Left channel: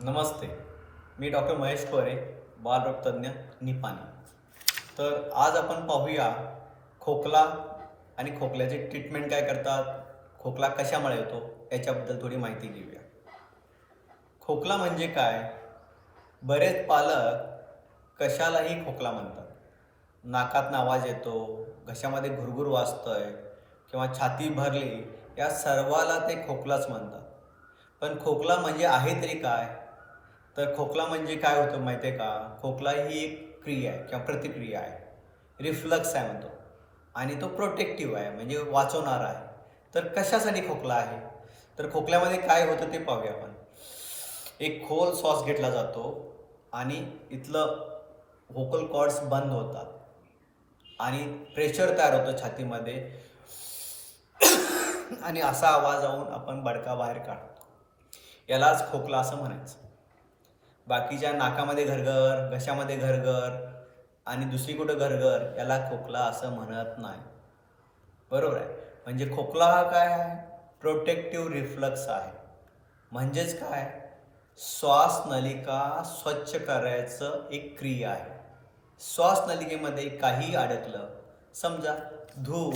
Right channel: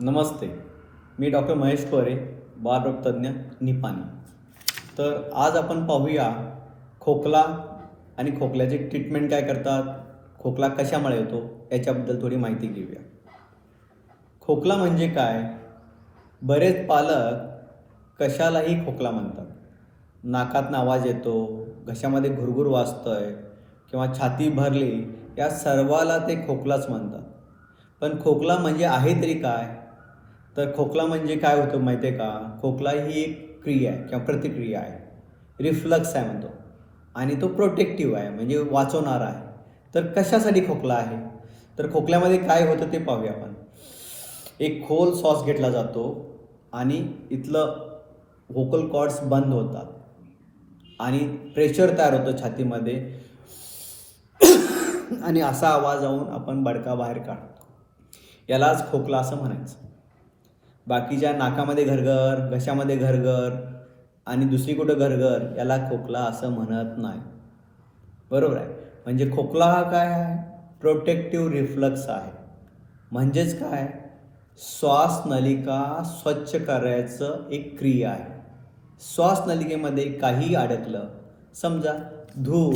नमस्ते. मी doctor Mahesh कोरे, बालरोगतज्ञ, निपाणी. तर आज आपण पाहूया खोकला आणि खोकल्याची ट्रीटमेंट काय करतात, खोकला कशामुळे येतो याच्याबद्दल थोडी माहिती घेऊया. खोकला म्हणजे काय? बरेच पालक कशालाही खोकला म्हणतात. नाकातनं आवाज येतो, घशामध्ये घुरघुर वाजतंय किंवा छाती भरली, या सर्वाला ते खोकलाच म्हणतात. पण खोकला म्हणजे आहे तरी काय? तर खोकला म्हणजे काय होतं माहिती आहे का? खोकला ही एक क्रिया आहे किंवा प्रतिक्रिया आहे. रिफ्लक्स आहे म्हणतो आणि तो प्रोटेक्टिव्ह आहे म्हणजे वाचवणारा आहे. तर कशासाठी खोकला आहे? तर खोकल्यामध्ये काय होतं ते पाहूया आपण. एक खोल श्वास घेतला जातो आणि इथलं व्होकल कॉर्ड्स बंद होतात आणि प्रेशर तयार होतं छातीमध्ये आणि असा आवाज येऊन आपण बडका बाहेर काढतो. यालाच खोकला असं म्हणायचं. बाकीच्या नाकामध्ये घरघर, घशामध्ये घरघर आणि दुसरी कुठं घरघर याला खोकला असं म्हणत नाही. बरोबर आहे. म्हणजे खोकला हा काय आहे? प्रोटेक्टिव्ह रिफ्लक्स आहे. म्हणजेच काय? श्वासनलिका स्वच्छ करायचं एक क्रिया आहे. श्वासनलिकेमध्ये काही अडकलं, समजा धूर,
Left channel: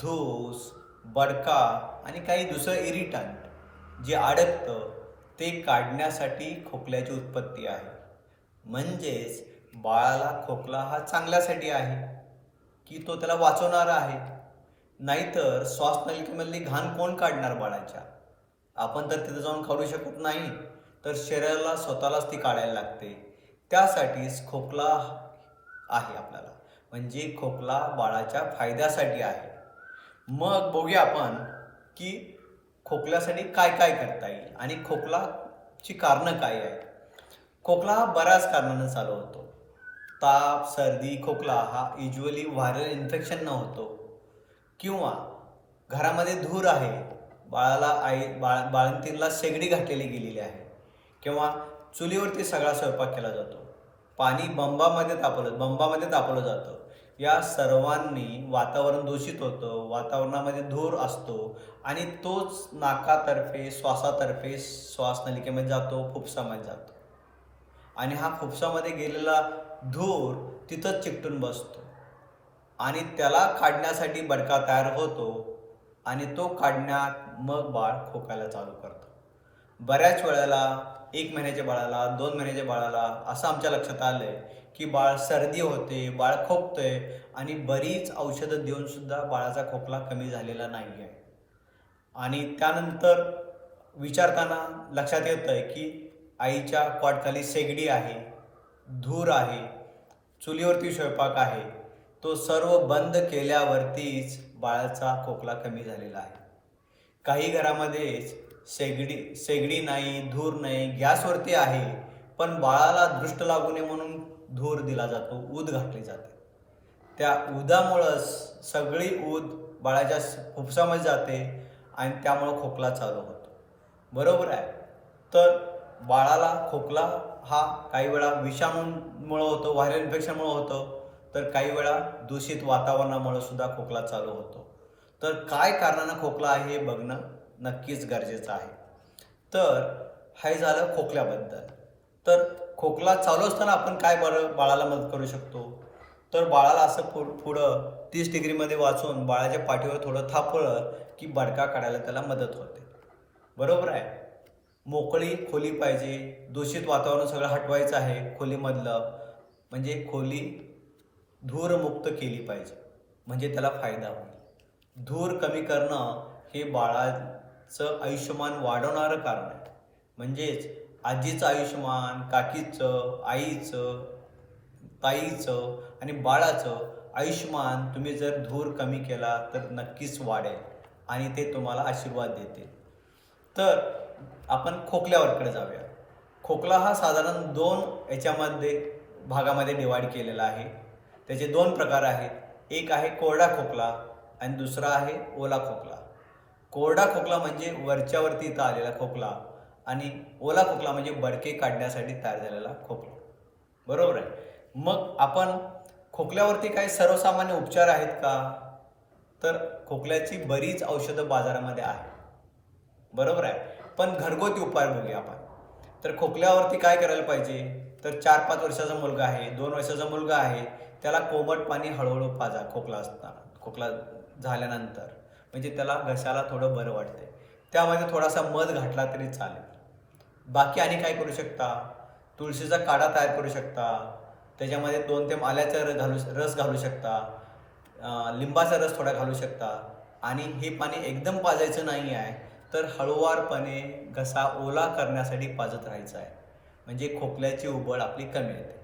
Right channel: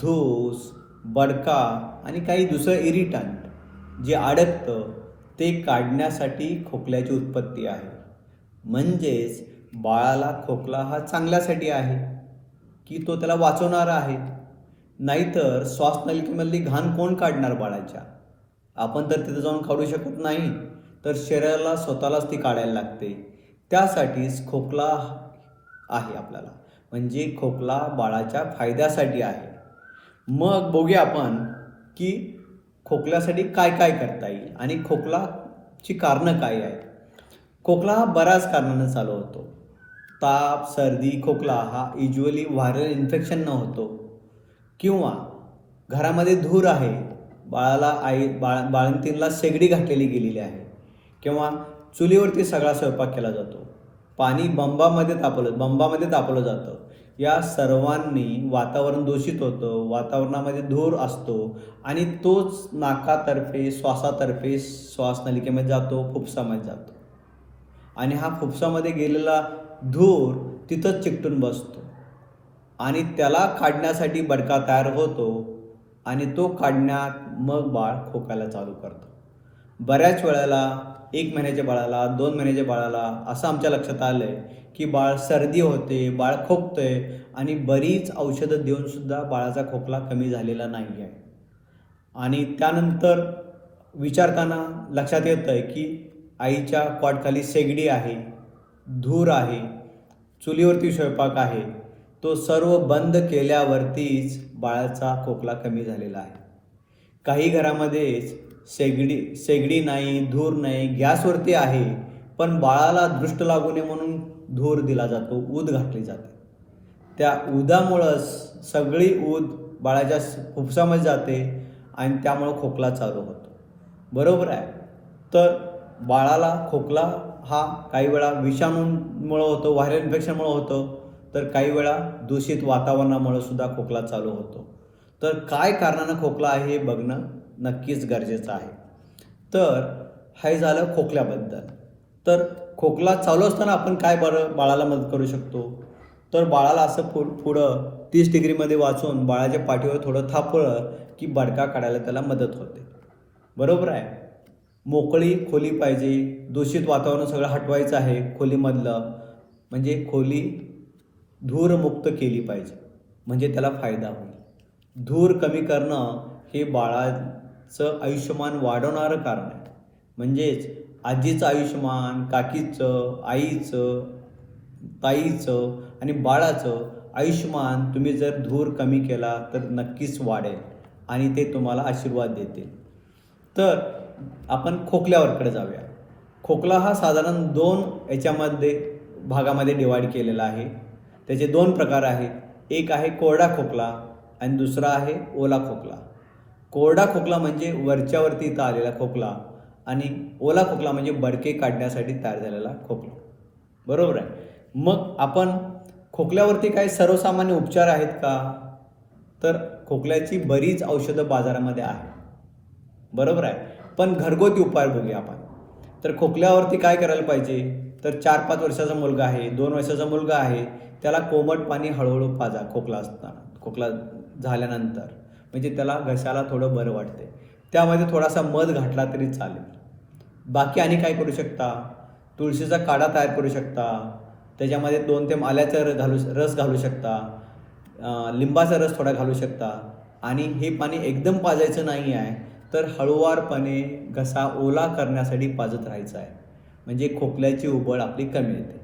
धूस, बडका आणि काही दुसरं इरिटंट जे अडकतं ते काढण्यासाठी खोकल्याची उत्पत्ती आहे. म्हणजेच बाळाला खोकला हा चांगल्यासाठी आहे की तो त्याला वाचवणारा आहे. नाहीतर श्वासनलिकेमधली घाण कोण काढणार बाळाच्या? आपण तर तिथं जाऊन काढू शकत नाही, तर शरीराला स्वतःलाच ती काढायला लागते. त्यासाठीच खोकला आहे आपल्याला. म्हणजे खोकला बाळाच्या फायद्यासाठी आहे. मग बघूया आपण की खोकल्यासाठी काय काय करता येईल आणि खोकलाची कारणं काय आहेत. खोकला हा बऱ्याच कारणानं चालू होतो. ताप, सर्दी, खोकला हा युज्युअली व्हायरल इन्फेक्शन न होतो किंवा घरामध्ये धूर आहे, बाळाला बाळंतीणला शेगडी घातलेली गेलेली आहे किंवा चुलीवरती सगळा स्वयंपाक केला जातो, पाणी बंबामध्ये तापवलं जातं. या सर्वांनी वातावरण दूषित होतं, वातावरणामध्ये धूर असतो आणि तोच नाकातर्फे, श्वासातर्फे श्वासनलिकेमध्ये जातो, फुफ्सामध्ये जातो आणि हा फुफ्सामध्ये गेलेला धूर तिथंच चिकटून बसतो आणि त्याला काढण्यासाठी बडका तयार होतो आणि तो काढण्यात मग बाळ खोकायला चालू करतं. बऱ्याच वेळेला 1 महिन्याच्या बाळाला, 2 महिन्याच्या बाळाला असं आमच्या लक्षात आलं आहे की बाळ सर्दी होते, बाळ खोकतंय आणि बरीच औषधं देऊनसुद्धा बाळाचा खोकला कमी झालेला नाही आहे. आणि त्यानंतर विचारताना लक्षात येतं आहे की आईच्या कॉटखाली शेगडी आहे, धूर आहे, चुलीवरती स्वयंपाक आहे. तो सर्व बंद केल्यावरतीच बाळाचा खोकला कमी झालेला आहे. काही घरामध्ये शेगडी नाही, धूर नाही, गॅसवरती आहे, पण बाळाला दृष्ट लागू नये म्हणून धूर दिला जातो, ऊद घातली जाते. त्या उदामुळंच सगळी ऊद बाळाच्या फुफ्सामध्ये जाते आणि त्यामुळं खोकला चालू होतो. बरोबर आहे. तर बाळाला खोकला हा काही वेळा विषाणूंमुळं होतो, व्हायरल इन्फेक्शनमुळं होतं, तर काही वेळा दूषित वातावरणामुळे सुद्धा खोकला चालू होतो. तर काय कारणानं खोकला आहे हे बघणं नक्कीच गरजेचं आहे. तर हे झालं खोकल्याबद्दल. तर खोकला चालू असताना आपण काय बाळाला मदत करू शकतो? तर बाळाला असं पुढं 30 डिग्रीमध्ये वाचून बाळाच्या पाठीवर थोडं थापलं की बडका काढायला त्याला मदत होते. बरोबर आहे. मोकळी खोली पाहिजे, दूषित वातावरण सगळं हटवायचं आहे खोलीमधलं, म्हणजे खोली धूरमुक्त केली पाहिजे, म्हणजे त्याला फायदा होईल. धूर कमी करणं हे बाळाचं आयुष्यमान वाढवणारं कारण आहे. म्हणजेच आजीचं आयुष्यमान, काकीचं, आईचं, ताईचं आणि बाळाचं आयुष्यमान तुम्ही जर धूर कमी केला तर नक्कीच वाढेल आणि ते तुम्हाला आशीर्वाद देतील. तर आपण खोकल्यावरकडे जाऊया. खोकला हा साधारण 2 भागामध्ये डिवाईड केलेला आहे. त्याचे 2 प्रकार आहेत. एक आहे कोरडा खोकला आणि दुसरा आहे ओला खोकला. कोरडा खोकला म्हणजे वरच्यावरती इथं आलेला खोकला आणि ओला खोकला म्हणजे बडके काढण्यासाठी तयार झालेला खोकला. बरोबर आहे. मग आपण खोकल्यावरती काही सर्वसामान्य उपचार आहेत का? तर खोकल्याची बरीच औषधं बाजारामध्ये आहेत. बरोबर आहे. पण घरगुती उपाय बघूया आपण. तर खोकल्यावरती काय करायला पाहिजे, तर 4-5 वर्षाचा मुलगा आहे, 2 वर्षाचा मुलगा आहे, त्याला कोमट पाणी हळूहळू पाजा खोकला झाल्यानंतर, म्हणजे त्याला घशाला थोडं बरं वाटते. त्यामध्ये थोडासा मध घातला तरी चालेल. बाकी आणि काय करू शकता, तुळशीचा काढा तयार करू शकता, त्याच्यामध्ये 2 थेंब आल्याचा रस घालू शकता, लिंबाचा रस थोडा घालू शकता आणि हे पाणी एकदम पाजायचं नाही आहे, तर हळूवारपणे घसा ओला करण्यासाठी पाजत राहायचं आहे, म्हणजे खोकल्याची उबळ आपली कमी येते.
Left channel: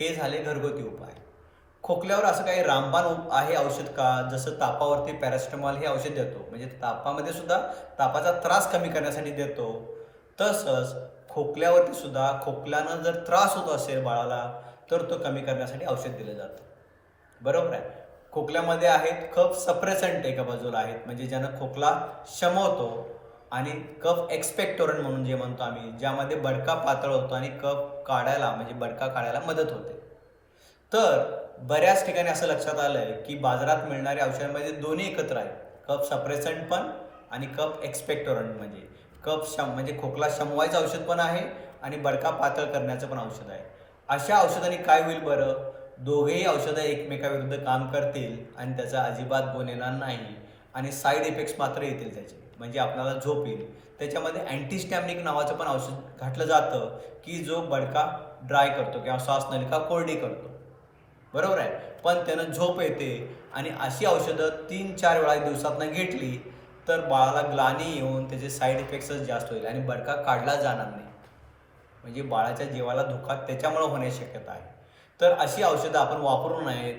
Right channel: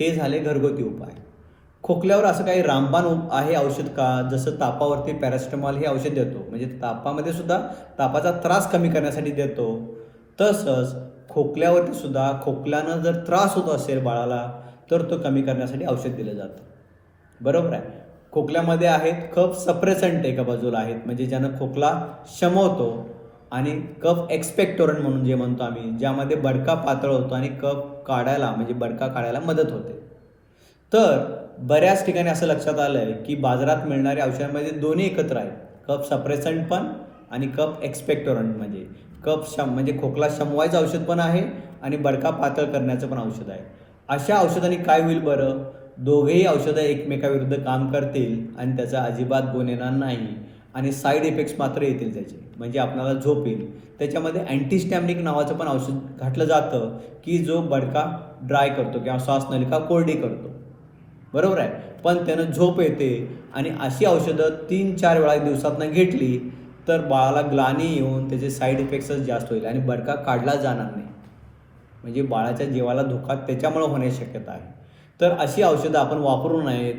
हे झाले घरगुती उपाय. खोकल्यावर असं काही रामबाण आहे औषध का, जसं तापावरती पॅरासिटामॉल हे औषध देतो, म्हणजे तापामध्ये सुद्धा तापाचा त्रास कमी करण्यासाठी देतो. तसंच खोकल्यावरती सुद्धा खोकल्यानं जर त्रास होत असेल बाळाला, तर तो कमी करण्यासाठी औषध दिलं जातं. बरोबर आहे. खोकल्यामध्ये आहेत कफ सप्रेसंट एका बाजूला आहेत, म्हणजे ज्यानं खोकला शमवतो, आणि कफ एक्सपेक्टोरंट म्हणून जे म्हणतो आम्ही, ज्यामध्ये बडका पातळ होतो आणि कफ काढायला म्हणजे बडका काढायला मदत होते. तर बऱ्याच ठिकाणी असं लक्षात आलं आहे की बाजारात मिळणाऱ्या औषधांमध्ये दोन्ही एकत्र आहेत, कफ सप्रेसंट पण आणि कफ एक्सपेक्टोरंट, म्हणजे म्हणजे खोकला शमवायचं औषध पण आहे आणि बडका पातळ करण्याचं पण औषध आहे. अशा औषधांनी काय होईल बरं, दोघेही औषधं एकमेकाविरुद्ध काम करतील आणि त्याचा अजिबात गुण येणार नाही आणि साईड इफेक्ट्स मात्र येतील त्याचे, म्हणजे आपल्याला झोप येईल. त्याच्यामध्ये अँटीस्टॅमिनिक नावाचं पण औषध घातलं जातं की जो बडका ड्राय करतो किंवा श्वासनलिका कोरडी करतो. बरोबर आहे, पण त्यानं झोप येते. आणि अशी औषधं 3-4 वेळा दिवसातनं घेतली तर बाळाला ग्लानी येऊन त्याचे साईड इफेक्ट्सच जास्त होईल आणि बडका काढला जाणार नाही, म्हणजे बाळाच्या जीवाला धोका त्याच्यामुळे होण्याची शक्यता आहे. तर अशी औषधं आपण वापरू नयेत.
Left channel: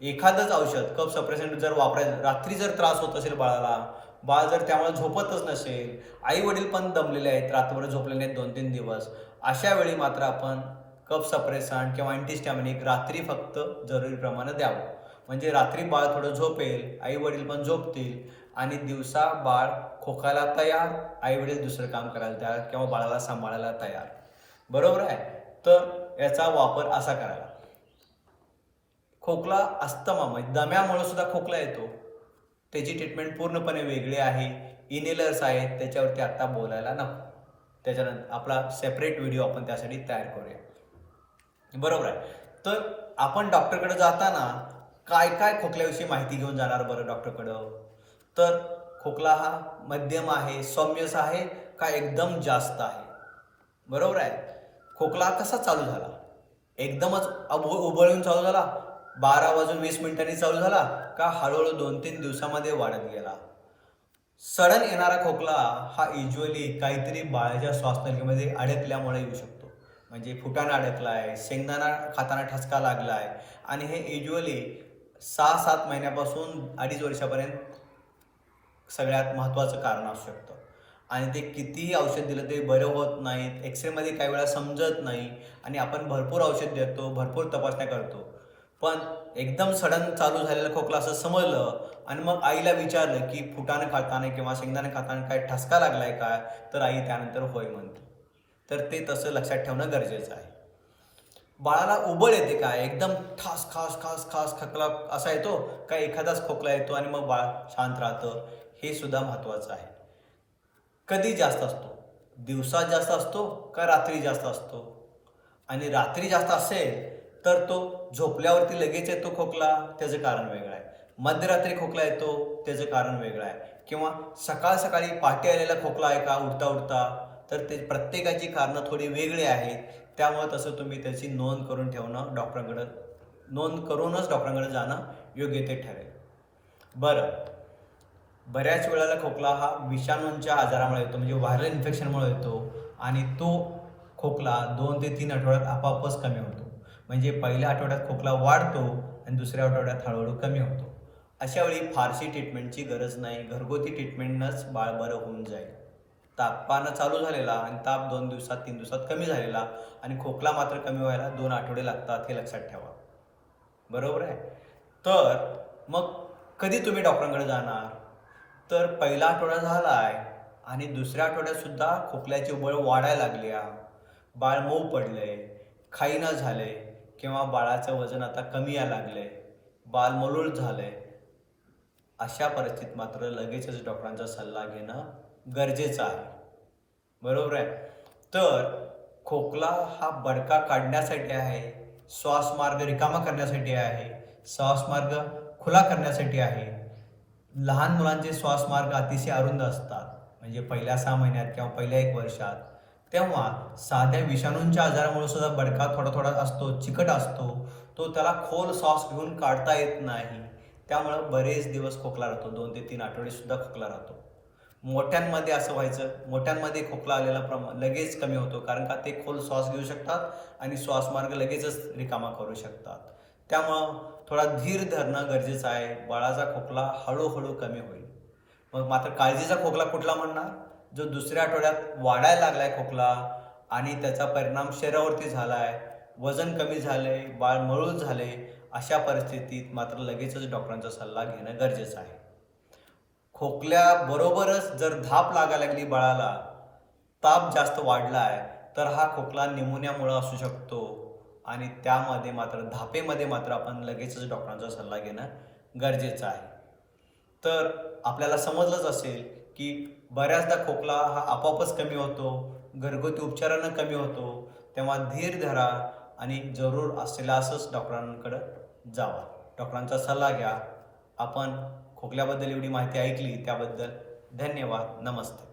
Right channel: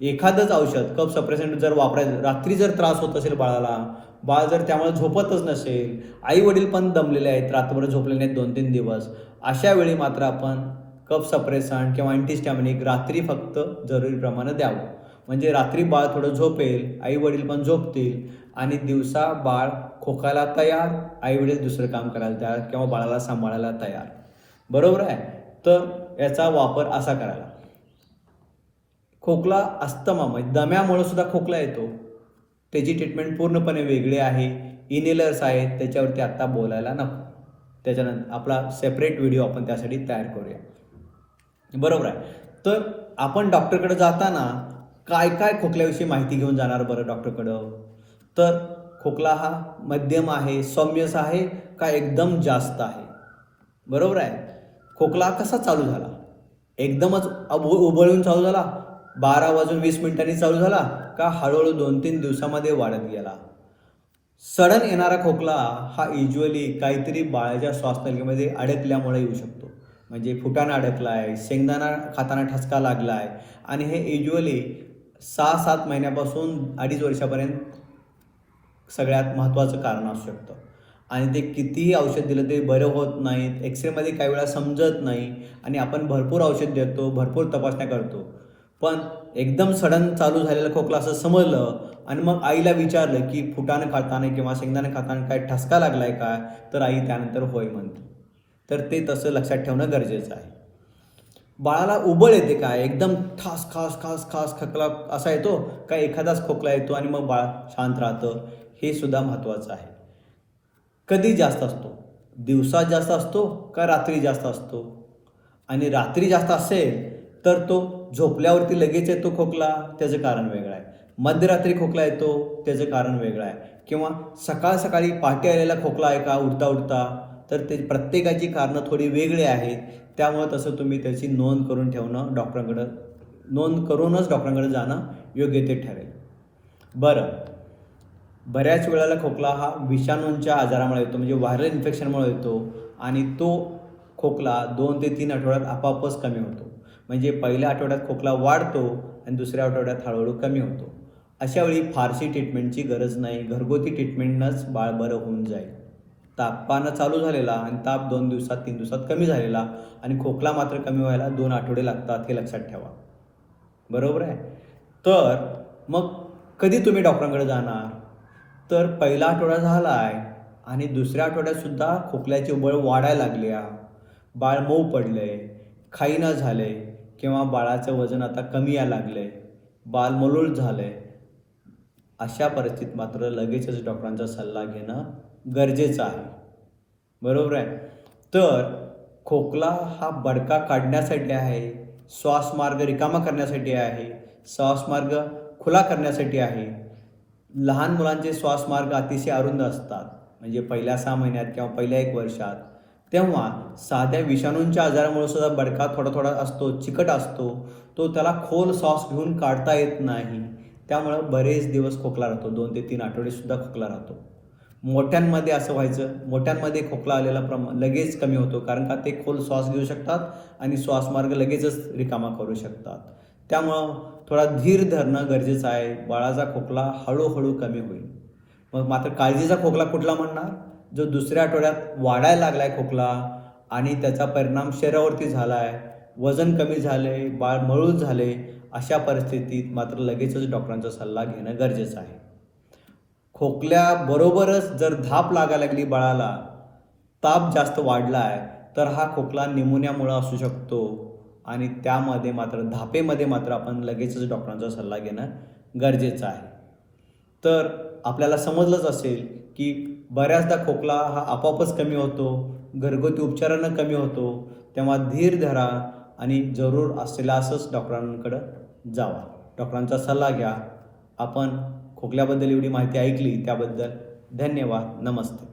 एखादंच औषध कफ सप्रेसंट जर वापरायचं, रात्री जर त्रास होत असेल बाळाला, बाळ जर त्यामुळे झोपतच नसेल, आई वडील पण दमलेले आहेत, रात्रभर झोपलेले नाहीत 2-3 दिवस, अशा वेळी मात्र आपण कफ सप्रेसंट किंवा अँटीस्टॅमिनिक रात्री फक्त जरुरीप्रमाणे द्यावं, म्हणजे रात्री बाळ थोडं झोपेल, आई वडील पण झोपतील आणि दिवसा बाळ खोकायला तयार, आई वडील दुसरं काम करायला तयार किंवा बाळाला सांभाळायला तयार. बरोबर आहे. तर याचा वापर असा करायला. खोकला अस्थमा म्हणजे दम्यामुळे सुद्धा खोकला येतो, त्याची ट्रीटमेंट पूर्णपणे वेगळी आहे. इनहेलर्स आहेत, त्याच्यावरती आत्ता बोलायला नको, त्याच्यानंतर आपला सेपरेट व्हिडिओ आपण त्यासाठी तयार करूया. बरोबर आहे. तर आपण डॉक्टरकडे जाताना काय काय खोकल्याविषयी माहिती घेऊन जाणार बरं डॉक्टरकडं, तर खोकला हा मध्यम आहे, सौम्यच आहे का एकदम जास्त आहे. बरोबर आहे. खोकला कसा चालू झाला, एकदमच उबळून चालू झाला, 12 वाजून 20 मिनिटांनी चालू झाला, का हळूहळू 2-3 दिवसामध्ये वाढत गेला. सडन येणारा खोकला हा युजली काहीतरी बाळाच्या श्वासनलिकेमध्ये अडकल्यामुळे येऊ शकतो, म्हणजे फुटाणा अडकला आहे, शेंगदाणा खाताना ठसका लागला आहे, आणि हे युजली 6-7 महिन्यापासून 2.5 वर्षापर्यंत सगळ्यात महत्त्वाचं कारण असू शकतं. आणि ते कितीही औषध दिलं ते बरं होत नाहीत, एक्सरेमध्ये काही वेळा समजत नाही आणि आपण भरपूर औषध देतो, भरपूर तपासण्या करतो, पण एकदम सडन चालू झालेला खोकला असं समजलं आणि मग आईला विचारलं की फुटाणं खाताना किंवा शेंगदाणे खाताना काय ठसका लागला आहे काय, तर आई त्यानंतर होय म्हणते. तर ते तसं लक्षात ठेवणं गरजेचं आहे. बाळाला उबळ येते काय, एकदम ठास खास खास खास खोकला असा येतो का एखादाच खोकला येतो आणि मग बाळ शांत राहतं, हे सुद्धा महत्त्वाचं आहे. कधी जास्त असतो, दिवसात जास्त असतो का रात्री जास्त असतो, आणि रात्री जास्त असेल तर तो झोपल्यावरती लगेच येतो खोकला, त्याचं कारण वेगळं आहे. मध्यरात्री खोकला येतो, त्याचं कारण वेगळं आहे. किंवा सकाळ सकाळी पहाटे आलेला खोकला आहे का उठता उठता, तर ते प्रत्येकाची कारणं थोडी वेगळी आहेत. त्यामुळे तसं तुम्ही त्याची नोंद करून ठेवणं, नोंद करूनच डॉक्टरांकडे जाणं योग्य ते ठरेल. बरं, बऱ्याच वेळेला खोकला हा विषाणूंच्या आजारामुळे येतो, म्हणजे व्हायरल इन्फेक्शनमुळे येतो, आणि तो खोकला 2 ते 3 आठवड्यात आपोआपच कमी होतो. म्हणजे पहिल्या आठवड्यात खोकला वाढतो आणि दुसऱ्या आठवड्यात हळूहळू कमी होतो. अशा वेळी फारशी ट्रीटमेंटची गरज नाही, घरगुती ट्रीटमेंटनंच बाळ बरं होऊन जाईल. तापानं चालू झालेला आणि ताप 2 दिवसात 3 दिवसात कमी झालेला आणि खोकला मात्र कमी व्हायला 2 आठवडे लागतात, हे लक्षात ठेवा. बरोबर आहे. तर मग कधी तुम्ही डॉक्टरांकडे जाणार, तर पहिला आठवडा झाला आहे आणि दुसऱ्या आठवड्यातसुद्धा खोकल्याची उबळ वाढायला लागली आहे, बाळ मऊ पडलं आहे, खाईना झालं आहे, किंवा बाळाचं वजन आता कमी यायला लागलं आहे, बाळ मलूल झालं आहे, अशा परिस्थितीत मात्र लगेचच डॉक्टरांचा सल्ला घेणं गरजेचं आहे. बरोबर आहे. तर खोकला हा बडका काढण्यासाठी आहे, श्वासमार्ग रिकामा करण्यासाठी आहे, श्वासमार्ग खुला करण्यासाठी आहे. लहान मुलांचे श्वासमार्ग अतिशय अरुंद असतात, म्हणजे पहिल्या 6 महिन्यात किंवा पहिल्या 1 वर्षात. तेव्हा साध्या विषाणूंच्या आजारामुळे सुद्धा बडका थोडा-थोडा असतो, चिकट असतो. तो त्याला खोल श्वास घेऊन काढता येत नाही. त्यामुळं बरेच दिवस खोकला राहतो. 2 ते 3 आठवडेसुद्धा खोकला राहतो. मोठ्यांमध्ये असं व्हायचं, मोठ्यांमध्ये खोकला आलेला लगेच कमी होतो, कारण का ते खोल श्वास घेऊ शकतात आणि श्वासमार्ग लगेचच रिकामा करू शकतात. त्यामुळं थोडा धीर धरणं गरजेचं आहे. बाळाचा खोकला हळूहळू कमी होईल. मग मात्र काळजीचा खोकला कुठला म्हणणार? जो दुसऱ्या आठवड्यात वाढायला लागलाय खोकला आणि त्याचा परिणाम शरीरावरती झाला आहे, वजन कमी झाले, बाळ मळूल झाले, अशा परिस्थितीत मात्र लगेचच डॉक्टरांचा सल्ला घेणं गरजेचं आहे. खोकल्याबरोबरच जर धाप लागायला लागली बाळाला, ताप जास्त वाढला आहे, तर हा खोकला निमोनियामुळं असू शकतो आणि त्यामध्ये मात्र धापेमध्ये मात्र आपण लगेचच डॉक्टरांचा सल्ला घेणं गरजेचं आहे. तर आपल्याला समजलंच असेल की बऱ्याचदा खोकला हा आपोआपच कमी होतो, घरगुती उपचारानं कमी होतो. तेव्हा धीर धरा आणि जरूर असल्यासच डॉक्टरांकडं जावा. डॉक्टरांचा सल्ला घ्या. आपण खोकल्याबद्दल एवढी माहिती ऐकली त्याबद्दल धन्यवाद. नमस्ते.